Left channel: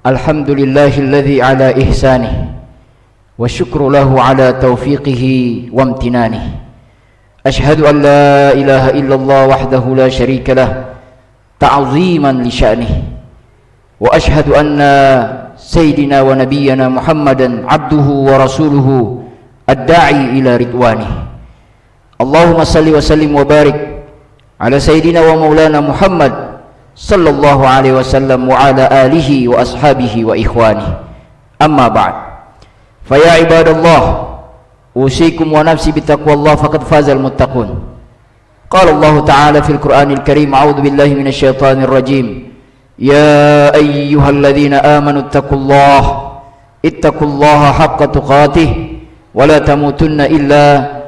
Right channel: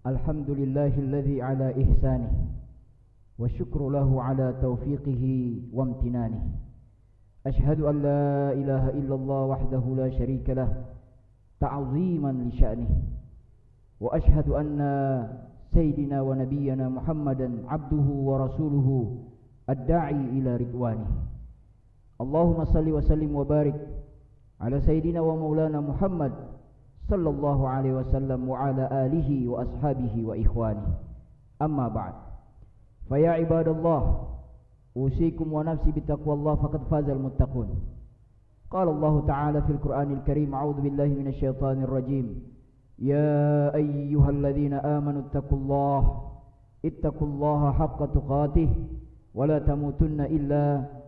Alhamdulillahilladzi ala ihsanih wa syukru lahu ala taufiqihi wa amtinanih. Ashhadu an la ilaha illallah wahdahu la syarika lah ta'ziman li sya'nih. Wa ashhadu anna sayyidina wa nabiyyana Muhammadan abduhu wa rasuluhu ad-da'i ila ridwanih. Allahumma salli wa sallim wa barik ala sayyidina wa maulana Muhammad sallallahu alaihi wasallam wa ala alihi wa ashabihi wa ikhwanihi. Amma ba'd. Fa ya ibadallah, usikum wa nafsi bittaqwallah faqad fazal muttaqun. Qala Allah ta'ala fil Qur'anil Karim, a'udzu billahi minasy syaithanir rajim. Ya ayyuhalladzina amanu ittaqullaha haqqa tuqatih wa la tamutunna illa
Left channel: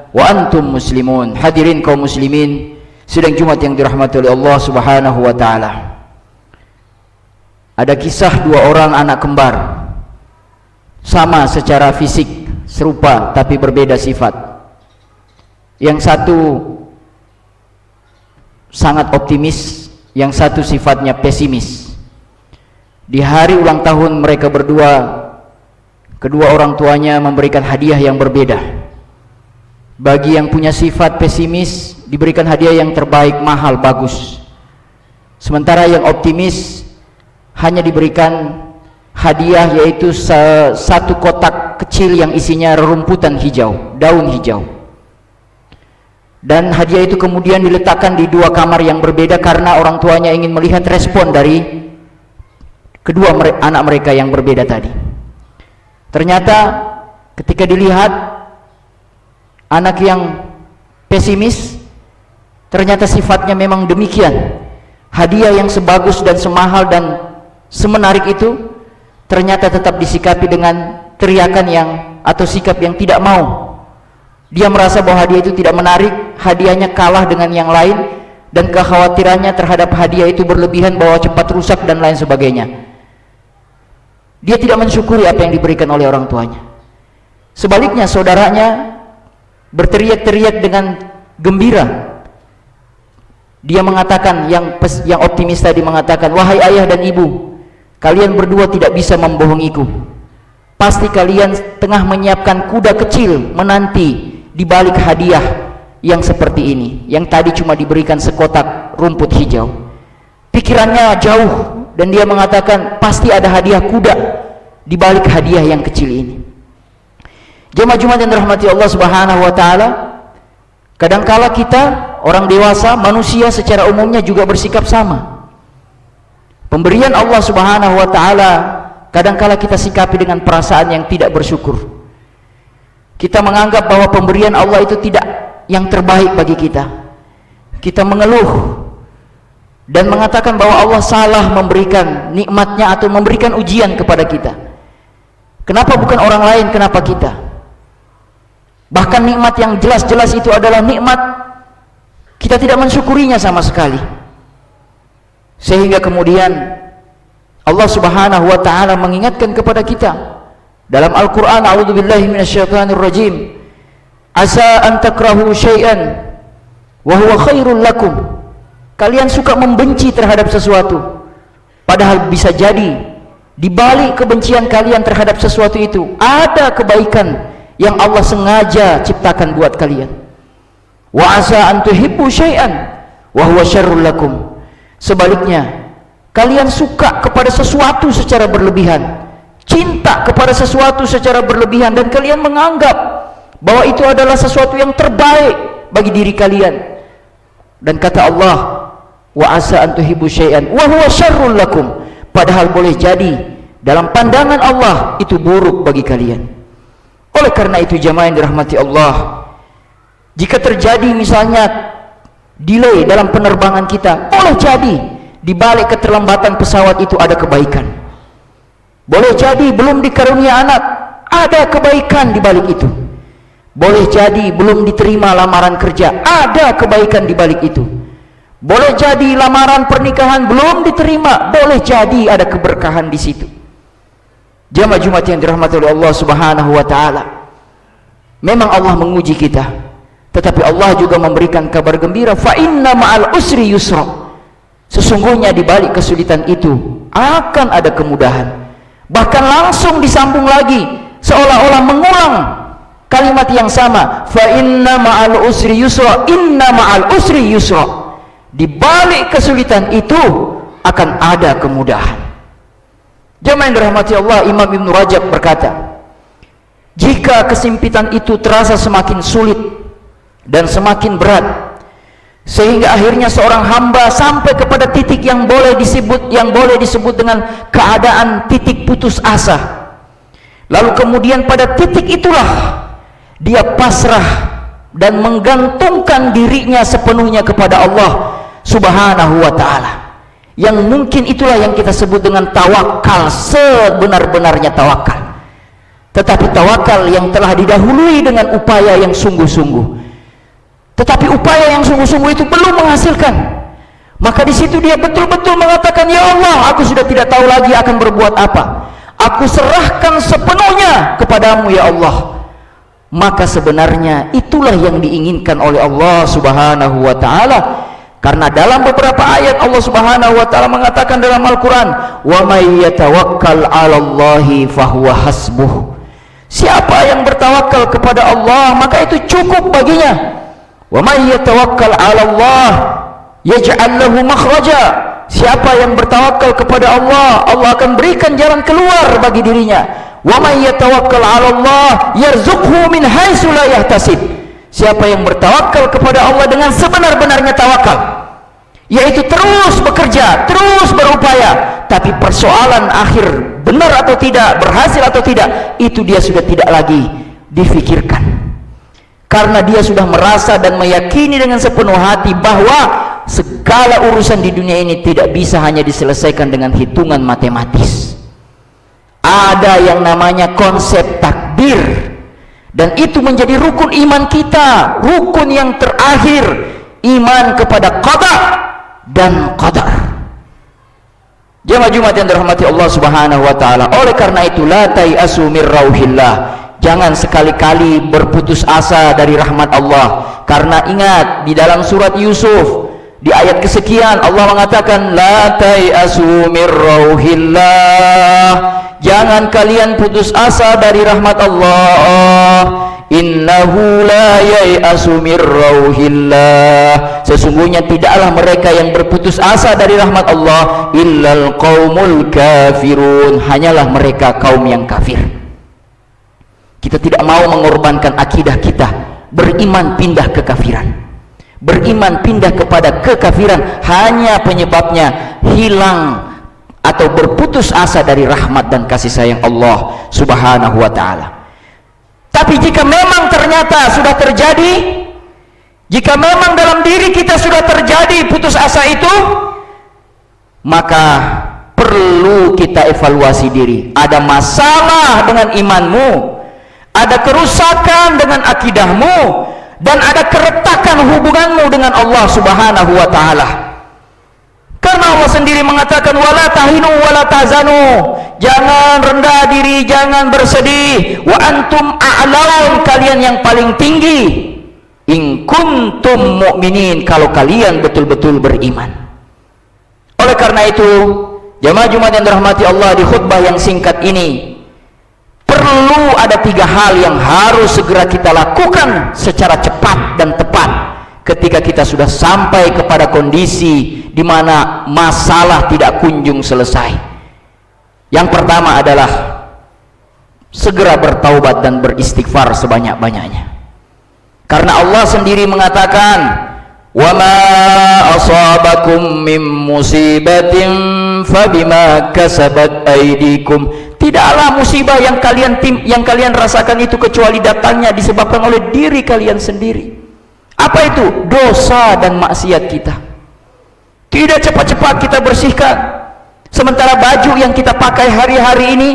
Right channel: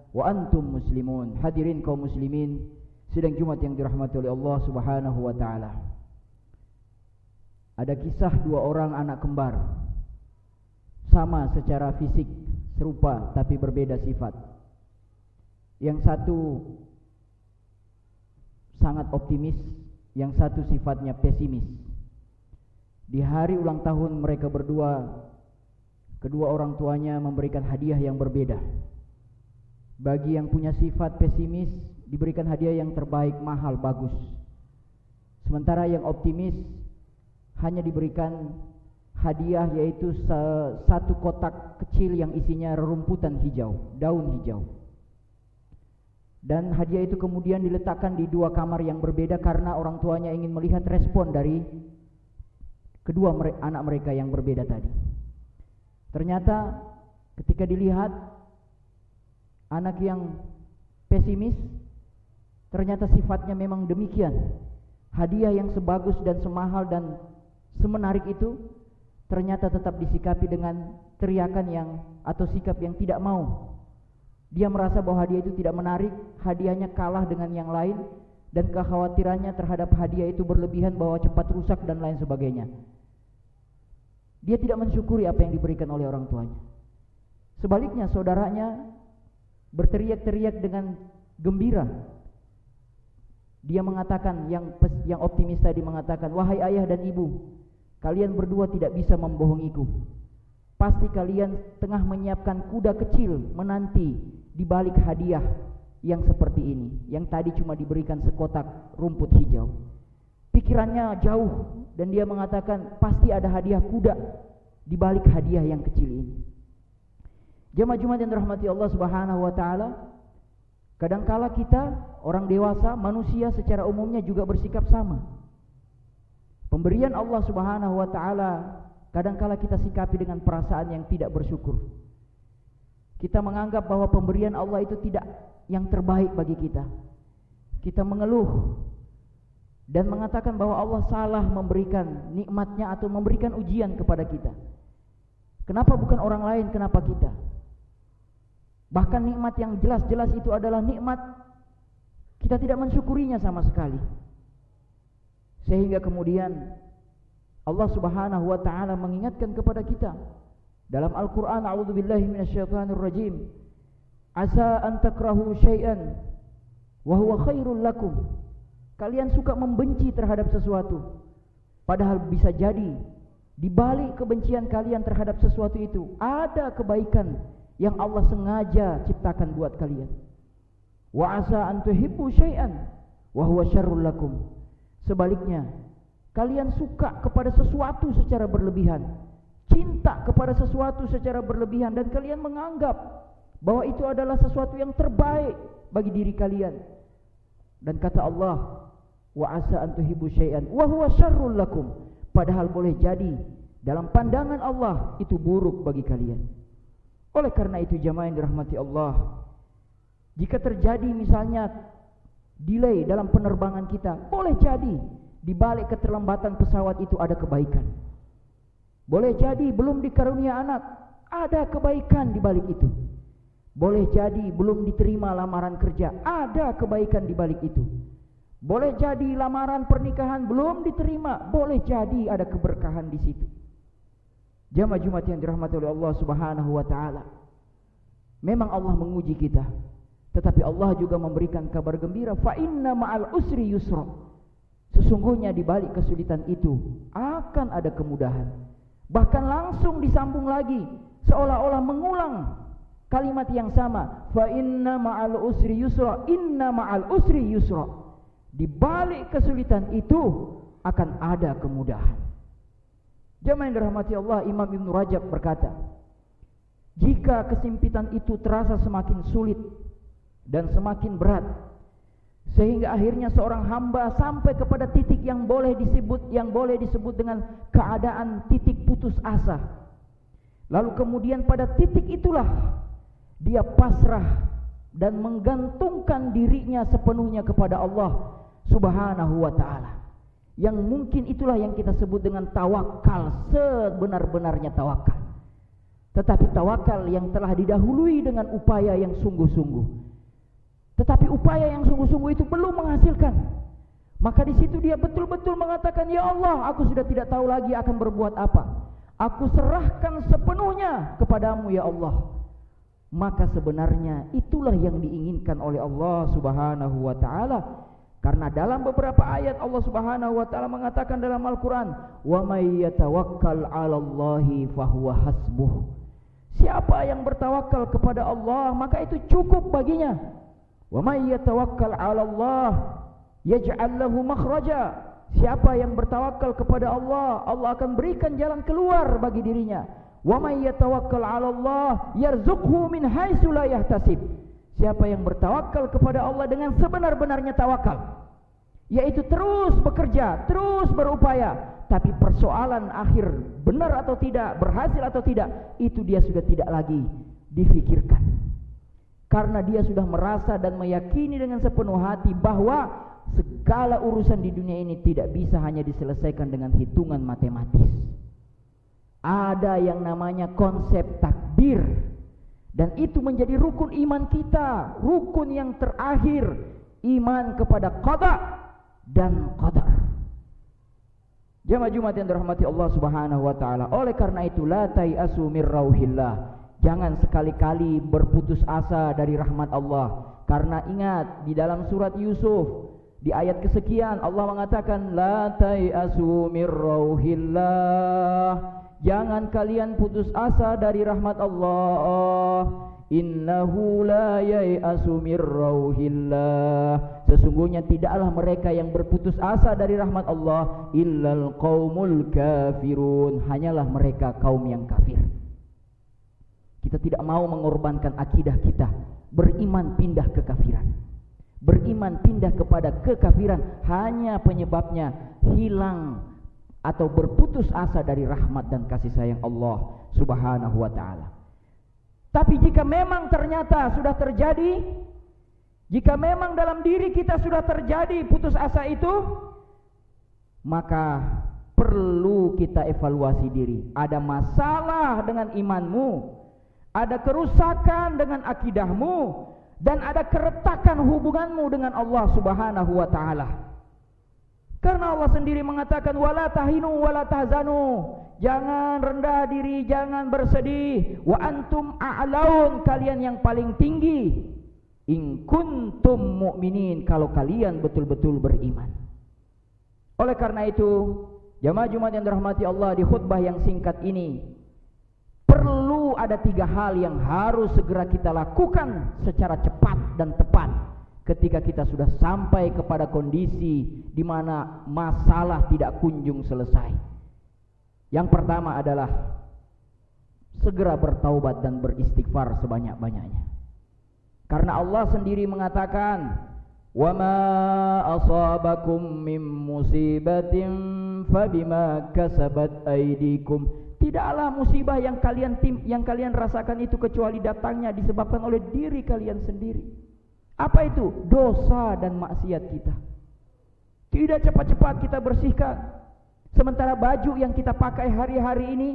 wa antum muslimun. Hadirin kaum muslimin sidang Jumat yang dirahmati oleh Allah Subhanahu wa taala. Ada kisah dua orang anak kembar, sama secara fisik, serupa tapi berbeda sifat. Yang satu sangat optimis, yang satu sifatnya pesimis. Di hari ulang tahun mereka berdua, kedua orang tuanya memberikan hadiah yang berbeda. Bagi yang punya sifat pesimis diberikan hadiah yang terbaik, mahal, bagus. Sementara yang optimis hanya diberikan hadiah yaitu satu kotak kecil yang isinya rerumputan hijau, daun hijau. Dan hadiah itu kemudian diletakkan di dua kamar yang berbeda karena orang tuanya ingin melihat respon dari kedua anak mereka yang berbeda tadi. Ternyata ketika dilihat anak yang pesimis, ternyata sifatnya memang demikian. Hadiah yang sebagus dan semahal dan semenarik itu ternyata tetap disikapi dengan teriakan atau sikap yang tidak mau. Dia merasa bahwa hadiah itu tidak menarik, hadiahnya kalah dengan yang lain, dan kekhawatirannya terhadap hadiah itu berlebihan bahwa cepat rusak dan lain sebagainya. Dia tidak mensyukuri apa yang diberikan oleh orang tuanya. Sebaliknya saudaranya berteriak-teriak dengan gembira. Dia mengatakan, yang optimis tadi mengatakan, wahai ayah dan ibu, kalian berdua tidak bisa membohongiku. Pasti kalian tengah menyiapkan kuda kecil menanti di balik hadiah yang seperti ini, yang tadi cuma diberikan sekotak rumput hijau. Pikirannya jauh dan dia mengatakan pasti ada hadiah kuda di balik hadiah yang kecil ini. Jemaah Jumat yang dirahmati Allah Subhanahu wa taala, kadangkala kita orang dewasa, manusia secara umumnya juga bersikap sama. Pemberian Allah Subhanahu wa taala kadangkala kita sikapi dengan perasaan yang tidak bersyukur. Kita menganggap bahwa pemberian Allah itu tidak yang terbaik bagi kita. Kita mengeluh dan mengatakan bahwa Allah salah memberikan nikmatnya atau memberikan ujian kepada kita. Kenapa bukan orang lain, kenapa kita? Bahkan nikmat yang jelas-jelas itu adalah nikmat, kita tidak mensyukurinya sama sekali. Sehingga kemudian Allah Subhanahu wa taala mengingatkan kepada kita dalam Al-Qur'an, a'udzubillahi minasyaitonir rajim, asa an takrahu syai'an wa huwa khairul lakum. Kalian suka membenci terhadap sesuatu, padahal bisa jadi di balik kebencian kalian terhadap sesuatu itu ada kebaikan yang Allah sengaja ciptakan buat kalian. Wa asa an tuhibbu syai'an wa huwa syarrul lakum. Sebaliknya, kalian suka kepada sesuatu secara berlebihan, cinta kepada sesuatu secara berlebihan, dan kalian menganggap bahwa itu adalah sesuatu yang terbaik bagi diri kalian. Dan kata Allah, wa asa an tuhibbu syai'an wa huwa syarrul lakum. Padahal boleh jadi dalam pandangan Allah itu buruk bagi kalian. Oleh karena itu jamaah yang dirahmati Allah, jika terjadi misalnya delay dalam penerbangan kita, boleh jadi di balik keterlambatan pesawat itu ada kebaikan. Boleh jadi belum dikarunia anak, ada kebaikan di balik itu. Boleh jadi belum diterima lamaran kerja, ada kebaikan di balik itu. Boleh jadi lamaran pernikahan belum diterima, boleh jadi ada keberkahan di situ. Jamaah Jumat yang dirahmati oleh Allah Subhanahu wa taala, memang Allah menguji kita, tetapi Allah juga memberikan kabar gembira, fa inna ma'al usri yusra. Sesungguhnya di balik kesulitan itu akan ada kemudahan. Bahkan langsung disambung lagi, seolah-olah mengulang kalimat yang sama. Fa inna ma'al usri yusra, inna ma'al usri yusra. Di balik kesulitan itu akan ada kemudahan. Jemaah yang dirahmati Allah, Imam Ibn Rajab berkata, jika kesempitan itu terasa semakin sulit dan semakin berat, sehingga akhirnya seorang hamba sampai kepada titik yang boleh disebut dengan keadaan titik putus asa. Lalu kemudian pada titik itulah dia pasrah dan menggantungkan dirinya sepenuhnya kepada Allah Subhanahu wa ta'ala. Yang mungkin itulah yang kita sebut dengan tawakal, sebenar-benarnya tawakal. Tetapi tawakal yang telah didahului dengan upaya yang sungguh-sungguh. Tetapi upaya yang sungguh-sungguh itu belum menghasilkan. Maka di situ dia betul-betul mengatakan, ya Allah, aku sudah tidak tahu lagi akan berbuat apa. Aku serahkan sepenuhnya kepadamu ya Allah. Maka sebenarnya itulah yang diinginkan oleh Allah Subhanahu wa ta'ala. Karena dalam beberapa ayat Allah Subhanahu wa ta'ala mengatakan dalam Al-Quran, wa may yatawakkal 'alallahi fahuwa hasbuh. Siapa yang bertawakal kepada Allah, maka itu cukup baginya. Wa may yatawakkal 'alallah yaj'al lahu makhraja. Siapa yang bertawakal kepada Allah, Allah akan berikan jalan keluar bagi dirinya. Wa may yatawakkal 'alallah yarzuqhu min haitsu la yahtasib. Siapa yang bertawakal kepada Allah dengan sebenar-benarnya tawakal, yaitu terus bekerja, terus berupaya, tapi persoalan akhir benar atau tidak, berhasil atau tidak, itu dia sudah tidak lagi difikirkan. Karena dia sudah merasa dan meyakini dengan sepenuh hati bahwa segala urusan di dunia ini tidak bisa hanya diselesaikan dengan hitungan matematis. Ada yang namanya konsep takdir. Dan itu menjadi rukun iman kita, rukun yang terakhir, iman kepada qada dan qadar. Jemaah Jumat yang dirahmati Allah Subhanahu wa ta'ala, oleh karena itu la tai'asu mir rauhillah, jangan sekali-kali berputus asa dari rahmat Allah. Karena ingat, di dalam surat Yusuf di ayat kesekian Allah mengatakan la tai'asu mir rauhillah, jangan kalian putus asa dari rahmat Allah. Innahu la yai'asu mir rauhillah, sesungguhnya tidaklah mereka yang berputus asa dari rahmat Allah illal qaumul kafirun, hanyalah mereka kaum yang kafir. Kita tidak mau mengorbankan akidah kita, beriman pindah kekafiran, beriman pindah kepada kekafiran, hanya penyebabnya hilang atau berputus asa dari rahmat dan kasih sayang Allah Subhanahu wa ta'ala. Tapi jika memang ternyata sudah terjadi, jika memang dalam diri kita sudah terjadi putus asa itu, maka perlu kita evaluasi diri. Ada masalah dengan imanmu, ada kerusakan dengan akidahmu, dan ada keretakan hubunganmu dengan Allah Subhanahu wa ta'ala. Karena Allah sendiri mengatakan wala tahinu wala tahzanu, jangan rendah diri, jangan bersedih, wa antum a'laun, kalian yang paling tinggi, in kuntum mu'minin, kalau kalian betul-betul beriman. Oleh karena itu, jemaah Jumat yang dirahmati Allah, di khutbah yang singkat ini perlu ada 3 hal yang harus segera kita lakukan secara cepat dan tepat ketika kita sudah sampai kepada kondisi di mana masalah tidak kunjung selesai. Yang pertama adalah segera bertaubat dan beristighfar sebanyak-banyaknya. Karena Allah sendiri mengatakan, "Wa ma asabakum min musibatin fabima kasabat aydikum." Tidaklah musibah yang kalian rasakan itu kecuali datangnya disebabkan oleh diri kalian sendiri. Apa itu? Dosa dan maksiat kita. Tidak cepat-cepat kita bersihkan. Sementara baju yang kita pakai hari-hari ini,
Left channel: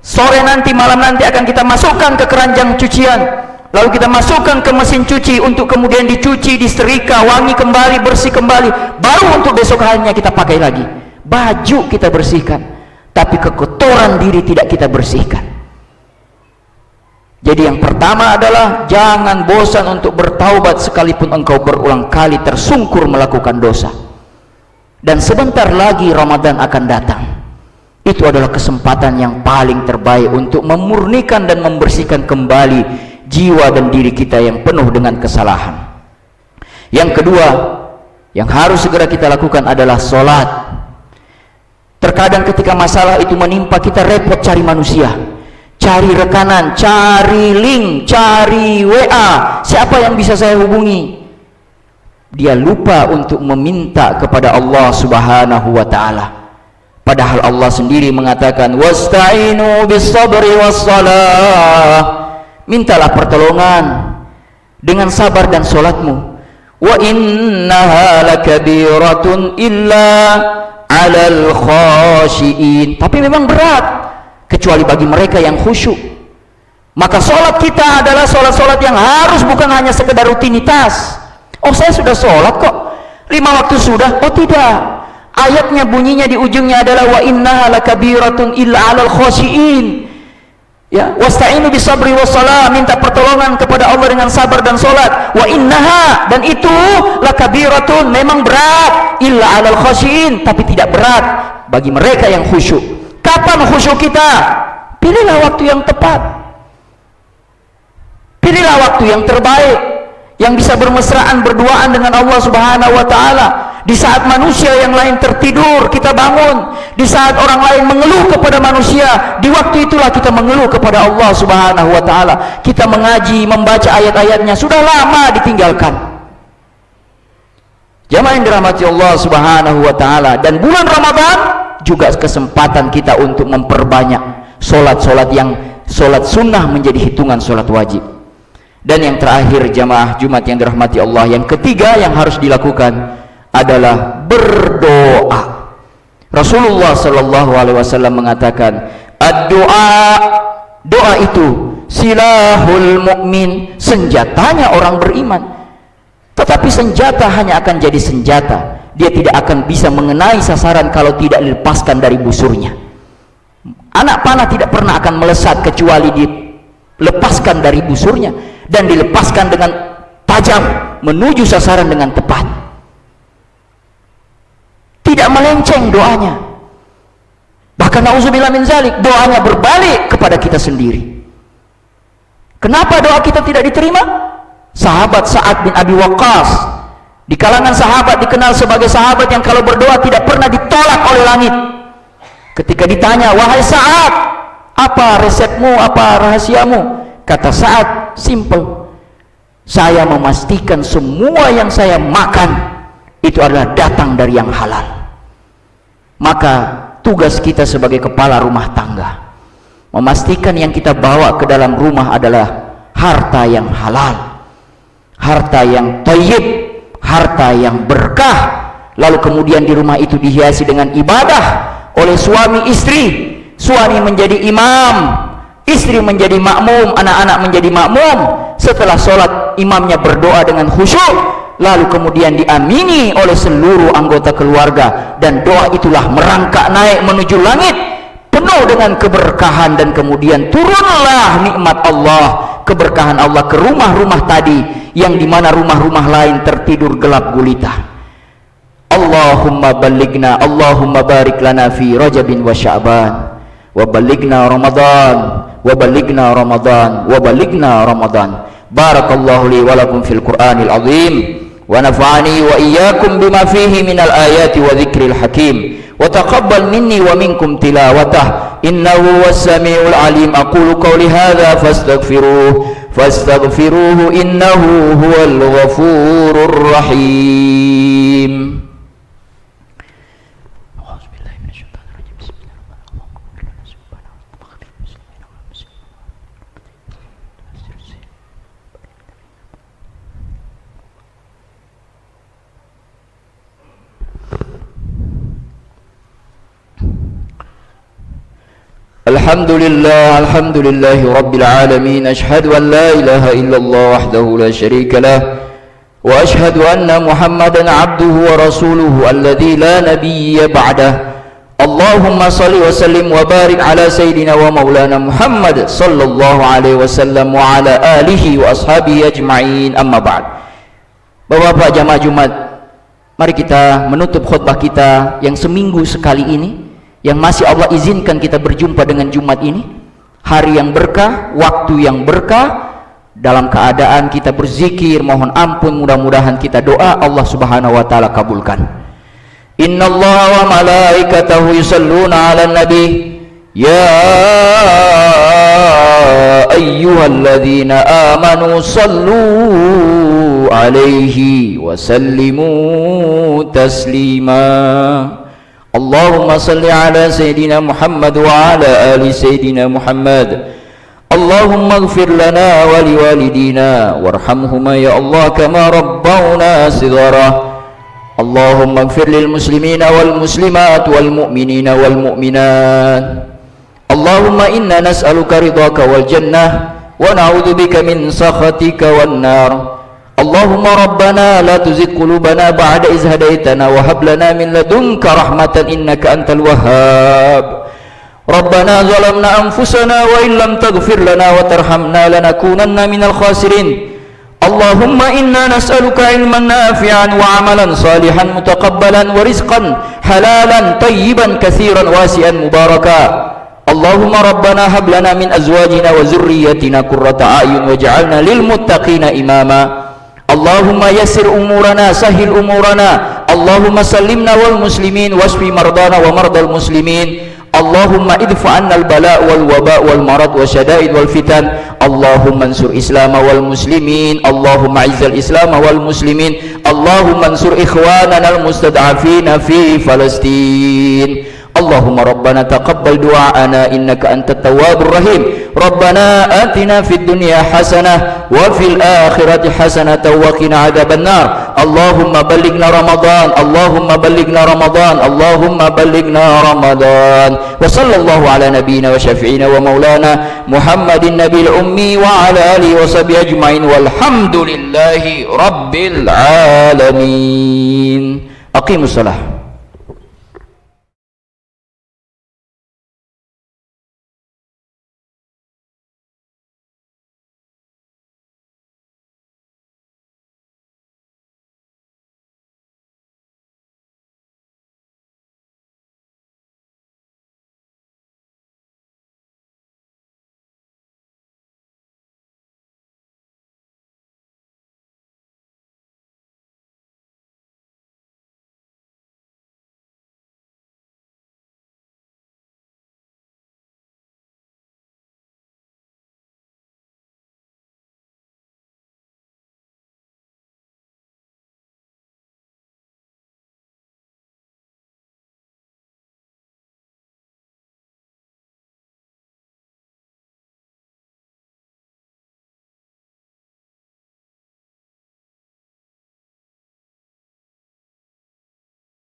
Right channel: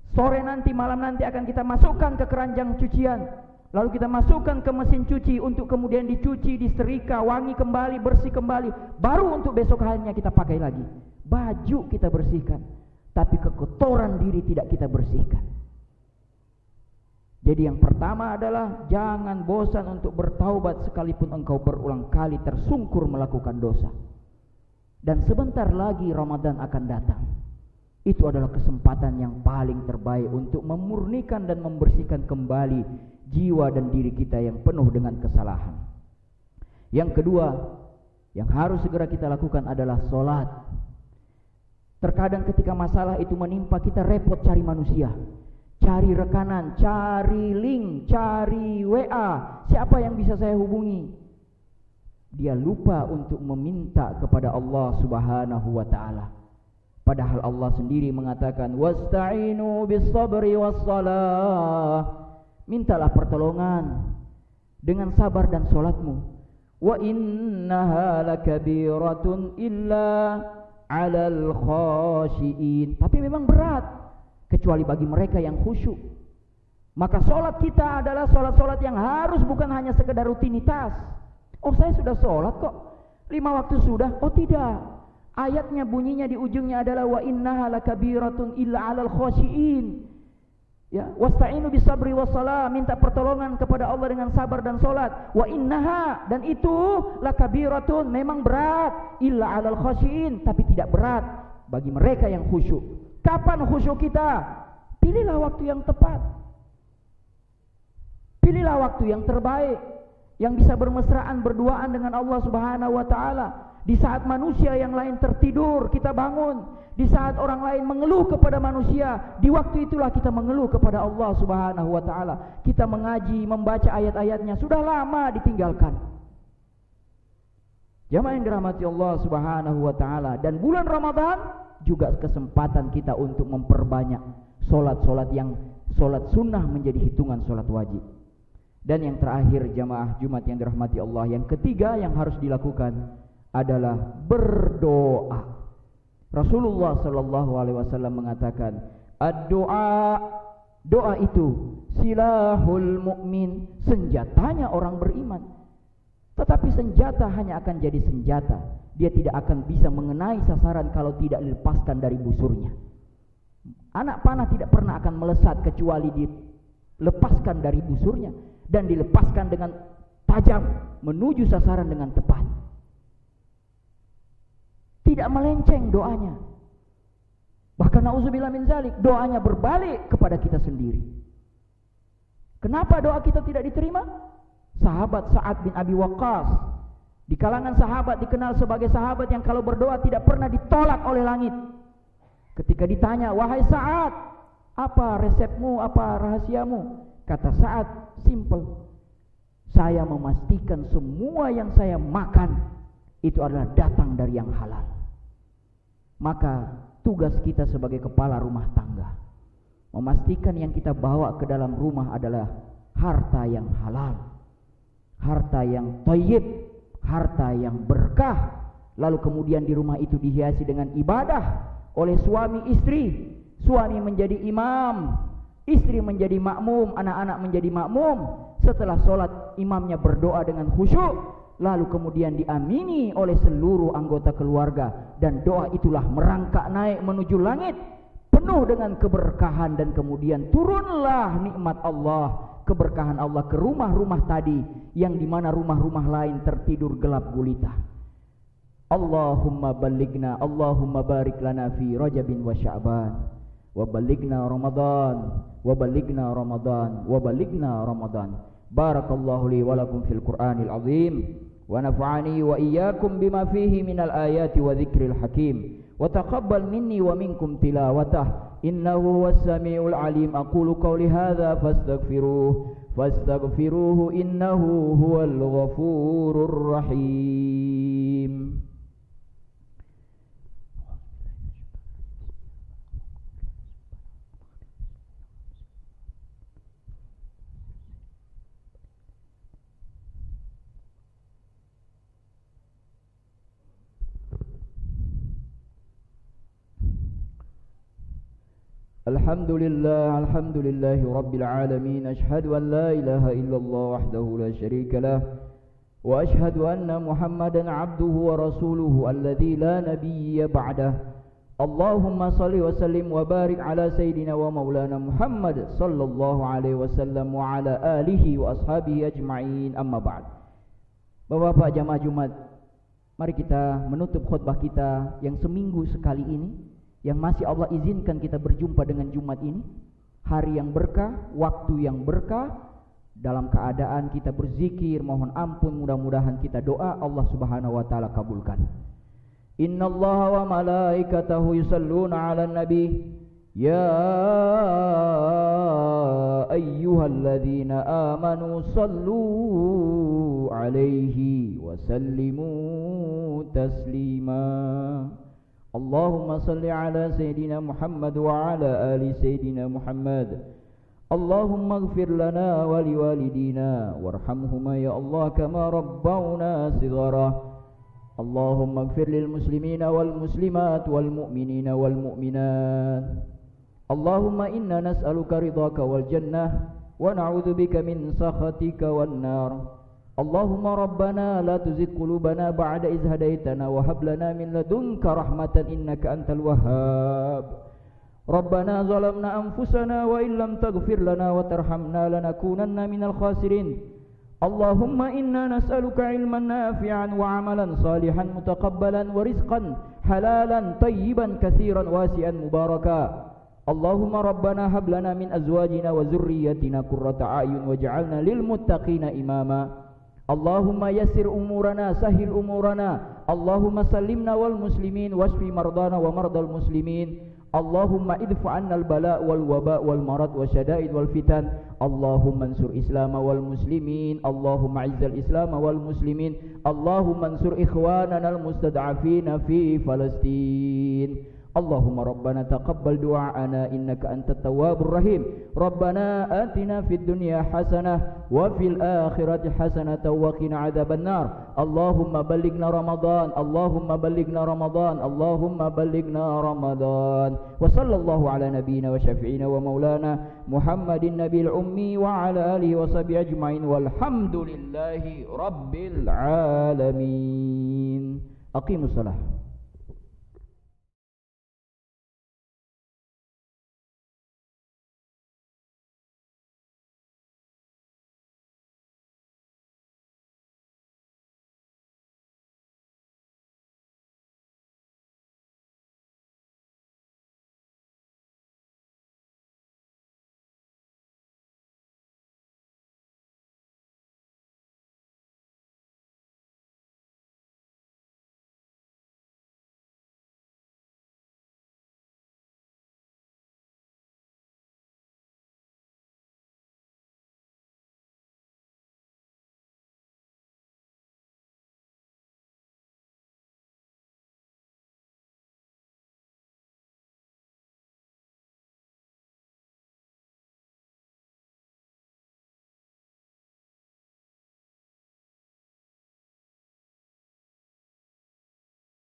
sore nanti, malam nanti akan kita masukkan ke keranjang cucian. Lalu kita masukkan ke mesin cuci untuk kemudian dicuci, disetrika, wangi kembali, bersih kembali. Baru untuk besok harinya kita pakai lagi. Baju kita bersihkan, tapi kekotoran diri tidak kita bersihkan. Jadi yang pertama adalah jangan bosan untuk bertaubat sekalipun engkau berulang kali tersungkur melakukan dosa. Dan sebentar lagi Ramadan akan datang. itu adalah kesempatan yang paling terbaik untuk memurnikan dan membersihkan kembali jiwa dan diri kita yang penuh dengan kesalahan. Yang kedua yang harus segera kita lakukan adalah sholat. Terkadang ketika masalah itu menimpa, kita repot cari manusia, cari rekanan, cari link, cari WA, siapa yang bisa saya hubungi. Dia lupa untuk meminta kepada Allah Subhanahu wa ta'ala. Padahal Allah sendiri mengatakan, wasta'inu bis-sabri was-salah. Mintalah pertolongan dengan sabar dan salatmu. Wa innaha lakabiratun illa 'alal khashiin. Tapi memang berat kecuali bagi mereka yang khusyuk. Maka salat kita adalah salat-salat yang harus bukan hanya sekedar rutinitas. Oh, saya sudah salat kok, 5 waktu sudah. Oh tidak, ayatnya bunyinya di ujungnya adalah wa innaha lakabiratun illa 'alal khashiin. Ya, wasta'inu bisabri wassalah, minta pertolongan kepada Allah dengan sabar dan salat. Wa innaha, dan itu lakabiratun, memang berat, illa 'alal khashiin, tapi tidak berat bagi mereka yang khusyuk. Kapan khusyuk kita? Pilihlah waktu yang tepat, pilihlah waktu yang terbaik, yang bisa bermesraan berduaan dengan Allah Subhanahu wa ta'ala. Di saat manusia yang lain tertidur, kita bangun. Di saat orang lain mengeluh kepada manusia, di waktu itulah kita mengeluh kepada Allah Subhanahu wa ta'ala. Kita mengaji, membaca ayat-ayatnya, sudah lama ditinggalkan. Jamaah yang dirahmati Allah Subhanahu wa ta'ala. Dan bulan Ramadan juga kesempatan kita untuk memperbanyak solat-solat yang solat sunnah menjadi hitungan solat wajib. Dan yang terakhir jamaah Jumat yang dirahmati Allah, yang ketiga yang harus dilakukan adalah berdoa. Rasulullah sallallahu alaihi wasallam mengatakan, ad-doa, doa itu silahul mukmin, senjatanya orang beriman. Tetapi senjata hanya akan jadi senjata, dia tidak akan bisa mengenai sasaran kalau tidak dilepaskan dari busurnya. Anak panah tidak pernah akan melesat kecuali dilepaskan dari busurnya dan dilepaskan dengan tajam menuju sasaran dengan tepat. Tidak melenceng doanya. Bahkan na'udzubillah min zalik, doanya berbalik kepada kita sendiri. Kenapa doa kita tidak diterima? Sahabat Sa'ad bin Abi Waqqas, di kalangan sahabat dikenal sebagai sahabat yang kalau berdoa tidak pernah ditolak oleh langit. Ketika ditanya, wahai Sa'ad, apa resepmu, apa rahasiamu? Kata Sa'ad, simple, saya memastikan semua yang saya makan itu adalah datang dari yang halal. Maka tugas kita sebagai kepala rumah tangga memastikan yang kita bawa ke dalam rumah adalah harta yang halal, harta yang thayyib, harta yang berkah. Lalu kemudian di rumah itu dihiasi dengan ibadah oleh suami istri. Suami menjadi imam, istri menjadi makmum, anak-anak menjadi makmum. Setelah sholat imamnya berdoa dengan khusyuk, lalu kemudian diamini oleh seluruh anggota keluarga, dan doa itulah merangkak naik menuju langit penuh dengan keberkahan, dan kemudian turunlah nikmat Allah, keberkahan Allah ke rumah-rumah tadi yang dimana rumah-rumah lain tertidur gelap gulita. Allahumma baligna, Allahumma barik lana fi Rajabin wa Sya'ban, wa baligna Ramadan, wa baligna Ramadan, wa baligna Ramadan. Barakallahu li wa lakum fil Qur'anil azim, wa nafa'ani wa iyyakum bima fihi minal ayati wa dzikril hakim, wa taqabbal minni wa minkum tilawatah, innahu was-sami'ul alim. Aqulu qawli hadza fastaghfiruhu innahu huwal ghafurur rahim. Alhamdulillah, alhamdulillahi rabbil alamin. Ashhadu an la ilaha illallah wahdahu la syarika lah, wa ashhadu anna Muhammadan abduhu wa rasuluhu alladzi la nabiyya ba'dah. Allahumma salli wa sallim wa barik ala sayyidina wa maulana Muhammad sallallahu alaihi wasallam wa ala alihi wa ashabihi ajma'in. Amma ba'd. Bapak-bapak jamaah Jumat, mari kita menutup khutbah kita yang seminggu sekali ini yang masih Allah izinkan kita berjumpa dengan Jumat ini, hari yang berkah, waktu yang berkah, dalam keadaan kita berzikir, mohon ampun, mudah-mudahan kita doa Allah Subhanahu wa taala kabulkan. Innallaha wa malaikatahu yusalluna 'alan nabi ya ayyuhalladzina amanu sallu 'alaihi wa sallimu taslima. Allahumma salli ala Sayyidina Muhammad wa ala ali Sayyidina Muhammad. Allahumma ighfir lana wa liwalidina warhamhuma ya Allah kama rabbawna shighara. Allahumma ighfir lil muslimina wal muslimat wal mu'minina wal mu'minat. Allahumma inna nas'aluka ridhaka wal jannah wa na'udzubika min sakhatika wan nar. Allahumma rabbana la tuzigh qulubana ba'da idh hadaitana wa hab lana min ladunka rahmatan innaka antal wahhab. Rabbana zalamna anfusana wa in lam taghfir lana wa tarhamna lanakunanna minal khasirin. Allahumma inna nas'aluka ilman nafi'an wa amalan salihan mutaqabbalan wa rizqan halalan tayyiban katsiran wasi'an mubaraka. Allahumma rabbana hab lana min azwajina wa zurriyyatina qurrata a'yun waj'alna lil muttaqina imama. Allahumma yassir umurana sahil umurana. Allahumma sallimna wal muslimin wasfi mardana wa mardal muslimin. Allahumma idfa' anna al bala' wal waba' wal marad wa syada'id wal fitan. Allahumma ansur islam wal muslimin. Allahumma izzal islam wal muslimin. Allahumma ansur ikhwanana al mustad'afina fi Palestin. Allahumma rabbana taqabbal du'aana innaka antat tawwabur rahim. Rabbana atina fid dunya hasanah wa fil akhirati hasanah wa qina adzabannar. Allahumma ballighna Ramadan. Allahumma ballighna Ramadan. Allahumma ballighna Ramadan. Wa sallallahu ala nabiyyina wa syafi'ina wa maulana Muhammadin nabiyil ummi wa ala alihi wa sahbihi ajmain walhamdulillahi rabbil alamin. Aqimus salah.